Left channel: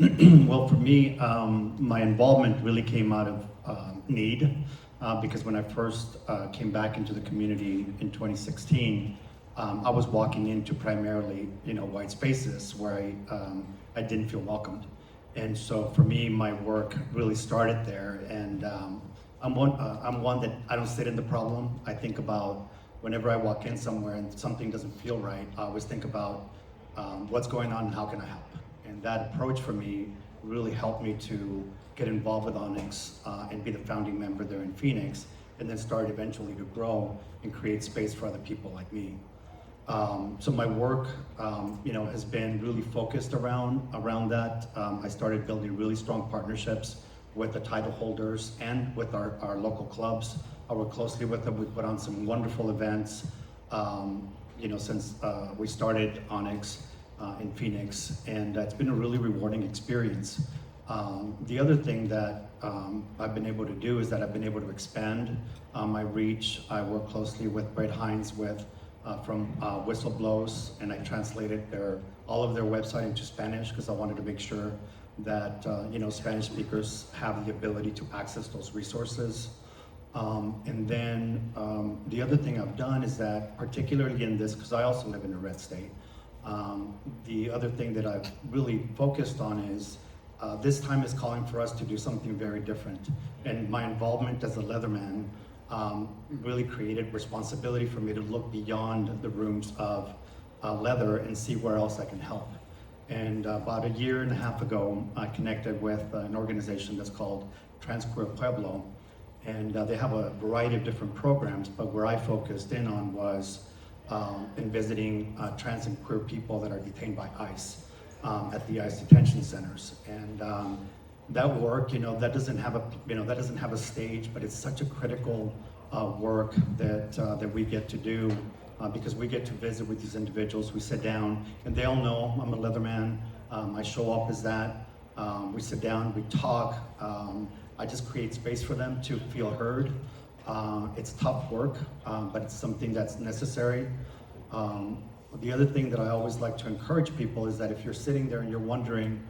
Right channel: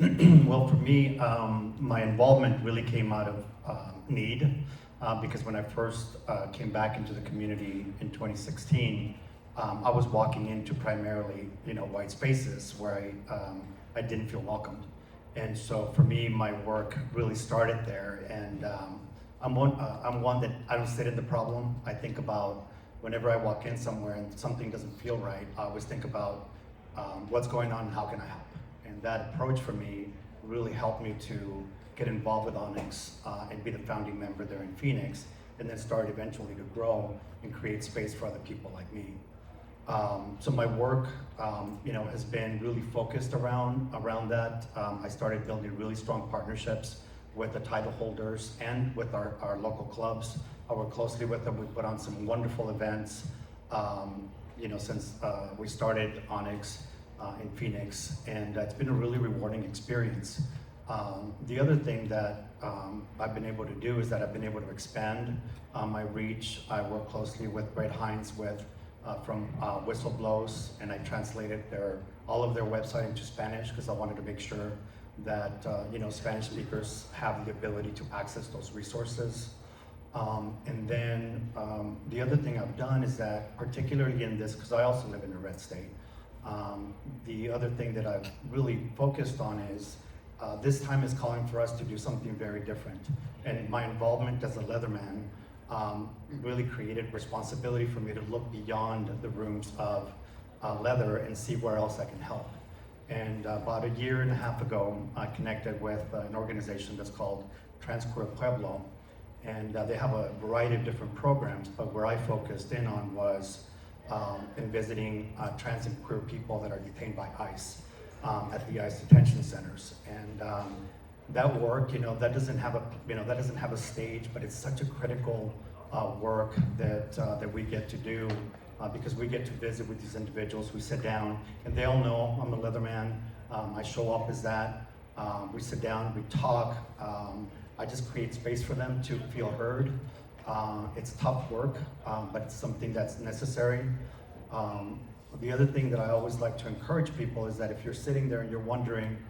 Well, for me, my involvement really came out of need because when I first came back into the community in 2016, I was walking into primarily, white spaces where I didn't feel welcomed. And so for me, my work really started there. And I'm one that I don't sit in the problem. I think about whenever I walk in somewhere and something doesn't feel right, I always think about what's going on and how can I help. And that approach for me really helped me to get involved with Onyx and be the founding member there in Phoenix, and then start eventually to grow and create space for other people like me. So my work, has been really focused around that. I started building really strong partnerships with the title holders and with our local clubs. I work closely with them. We put on some wonderful events, since we started Onyx in Phoenix, and it's been a really rewarding experience. The other thing that I've been able to do is that I've been able to expand my reach. I work closely with Brett Hines from Whistleblows, and I translated all of their website into Spanish because I wanted to make sure that Spanish speakers have the ability to access those resources. And then the other thing I've done is that, particularly in this, because I also live in a red state, the other thing that I've really focused on is this time is calling for us to do something very different. And my involvement as a Leatherman really created responsibility for me to look beyond the rooms of leather and see where else I can help. And about a year and a half ago, I connected with an organization that's called Transqueer Pueblo. And they have a variety of different programs, but where I focused in on was in visiting trans and queer people that are detained by ICE at the ICE detention centers. And that work, that doesn't have a stage, but it's such a critical work that we get to do because we get to visit with these individuals. We sit down, and they all know I'm a Leatherman. I show up as that. We sit down, we talk. I just create space for them to feel heard. It's tough work, but it's something that's necessary. The other thing that I always like to encourage people is that if you're sitting there and you're wondering,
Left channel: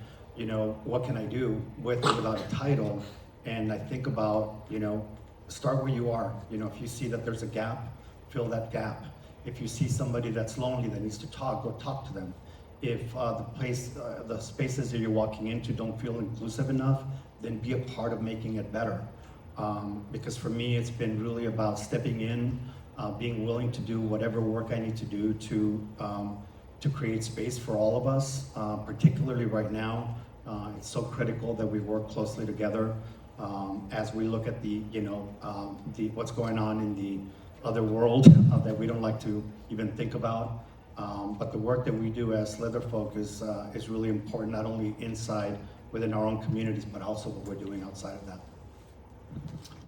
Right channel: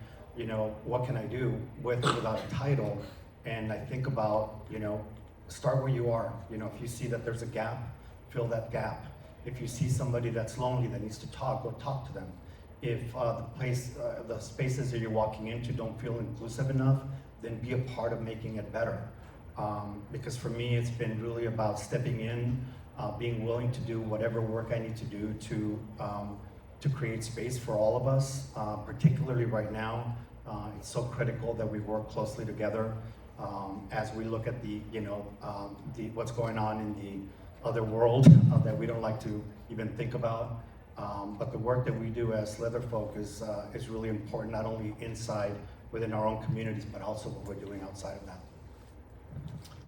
what can I do with or without a title? And I think about, start where you are. If you see that there's a gap, fill that gap. If you see somebody that's lonely that needs to talk, go talk to them. If the spaces that you're walking into don't feel inclusive enough, then be a part of making it better. Because for me, it's been really about stepping in, being willing to do whatever work I need to do to create space for all of us, particularly right now. It's so critical that we work closely together as we look at the what's going on in the other world that we don't like to even think about. But the work that we do as leather folk is really important, not only inside within our own communities, but also what we're doing outside of that.